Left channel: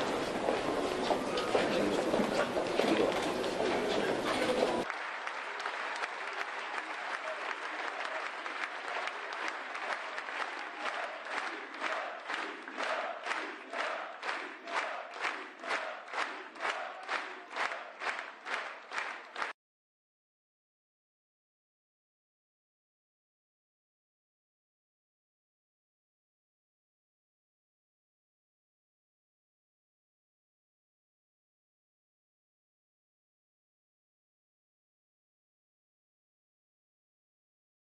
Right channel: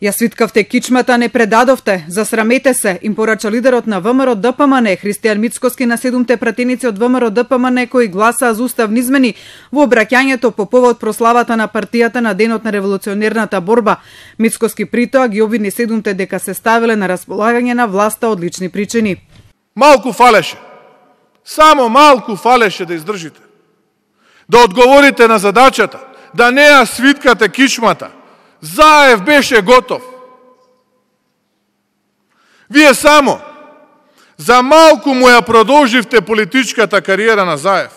Ја свиткавте кичмата, не предадовте, засрамете се, им порача лидерот на ВМРО ДПМН Христијан Мицкоски на 7 пратеници од ВМРО ДПМН кои гласаа за уставни измени во обраќањето по повод прославата на партијата на денот на револуционерната борба. Мицкоски притоа ги обвини 7 дека се ставиле на располагање на власта од лични причини. Малку фалеше. Само малку фалеше да издржите. Да одговорите на задачата, да не ја свиткате кичмата. Заев беше готов. Вие само за малку му ја продолживте политичката кариера на Заев,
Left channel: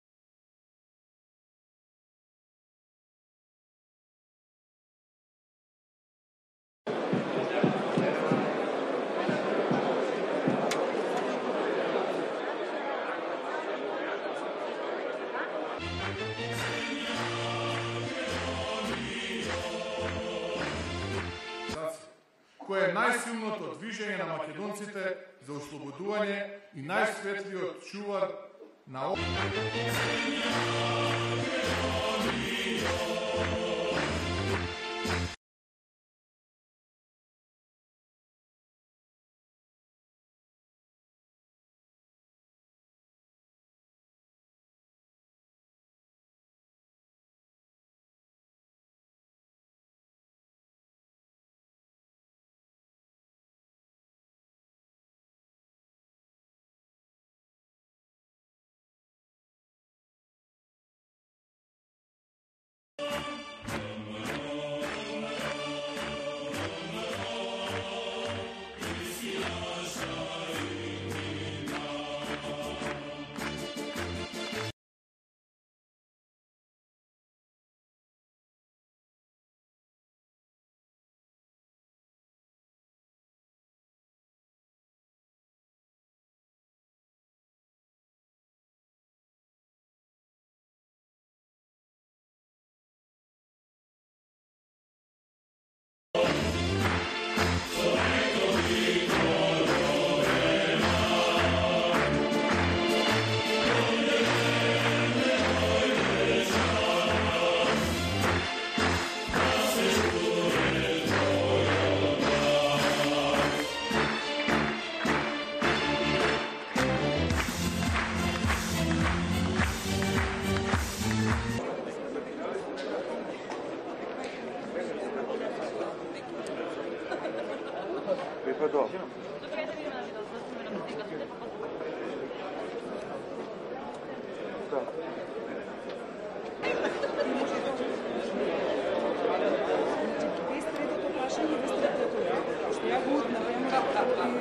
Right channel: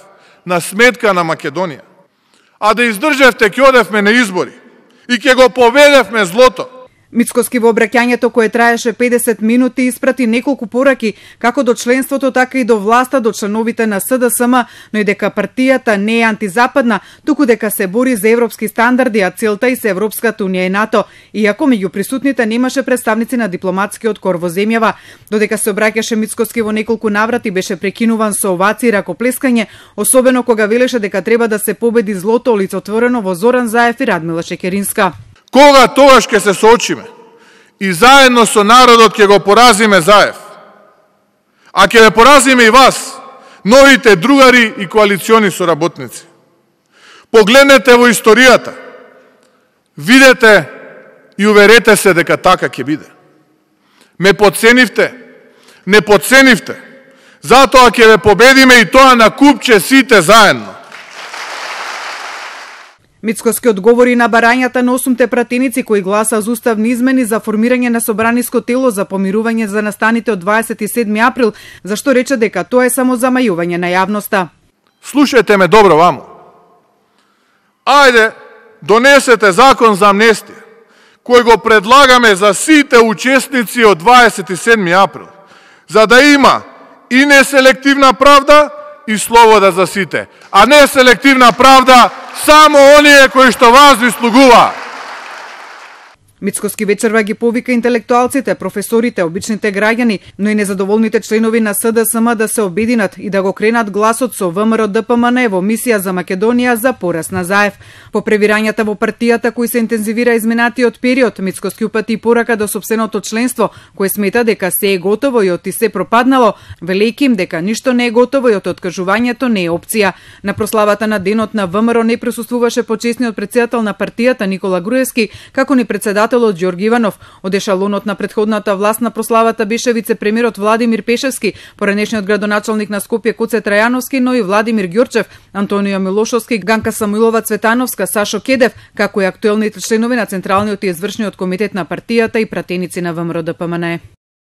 на сметка на Македонија. А да издржевте, ќе одевме на избори и ќе го победевме злото. Мицкоски во обраќањето кое траеше 50 минути испрати неколку пораки како до членството, така и до власта, до членовите на СДСМ, но и дека партијата не е антизападна, туку дека се бори за европски стандарди, а целта и се Европската унија и НАТО, иако меѓу присутните немаше представници на дипломатскиот кор во земјава. Додека се обраќаше Мицкоски во неколку наврати беше прекинуван со овации и ракоплескање, особено кога велеше дека треба да се победи злото олицетворено во Зоран Заев и Радмила Шекеринска. Кога тогаш ќе се соочиме и заедно со народот ќе го поразиме Заев, а ќе ве поразиме и вас, новите другари и коалициони соработници. Погледнете во историјата, видете и уверете се дека така ќе биде. Ме подценивте, не подценивте, затоа ќе ве победиме и тоа на купче сите заедно. Мицкоски одговори на барањата на 8 пратеници кои гласа за уставни измени за формирање на собраниско тело за помирување за настаните од 27 април, зашто рече дека тоа е само замајување на јавноста. Слушајте ме добро ваму. Ајде, донесете закон за амнестија, кој го предлагаме за сите учесници од 27 април, за да има и неселективна правда и слобода за сите, а не селективна правда само оние кои што вас вислугува. Мицкоски вечерва ги повика интелектуалците, професорите, обичните граѓани, но и незадоволните членови на СДСМ да се обединат и да го кренат гласот со ВМРО ДПМН во мисија за Македонија за пораз на Заев. По превирањата во партијата кои се интензивира изминатиот период, Мицкоски упати порака до сопственото членство, кој смета дека се е готово и оти се пропаднало, велејќи им дека ништо не е готово и од откажувањето не е опција. На прославата на денот на ВМРО не присуствуваше почесниот претседател на партијата Никола Груевски, како ни претседателот Ѓорги Иванов. Од ешалонот на претходната власт на прославата беше вице-премиерот Владимир Пешевски, поранешниот градоначалник на Скопје Куце Трајановски, но и Владимир Ѓурчев, Антонио Милошовски, Ганка Самуилова Цветановска, Сашо Кедев, како и актуелните членови на Централниот и извршниот комитет на партијата и пратеници на ВМРО ДПМН.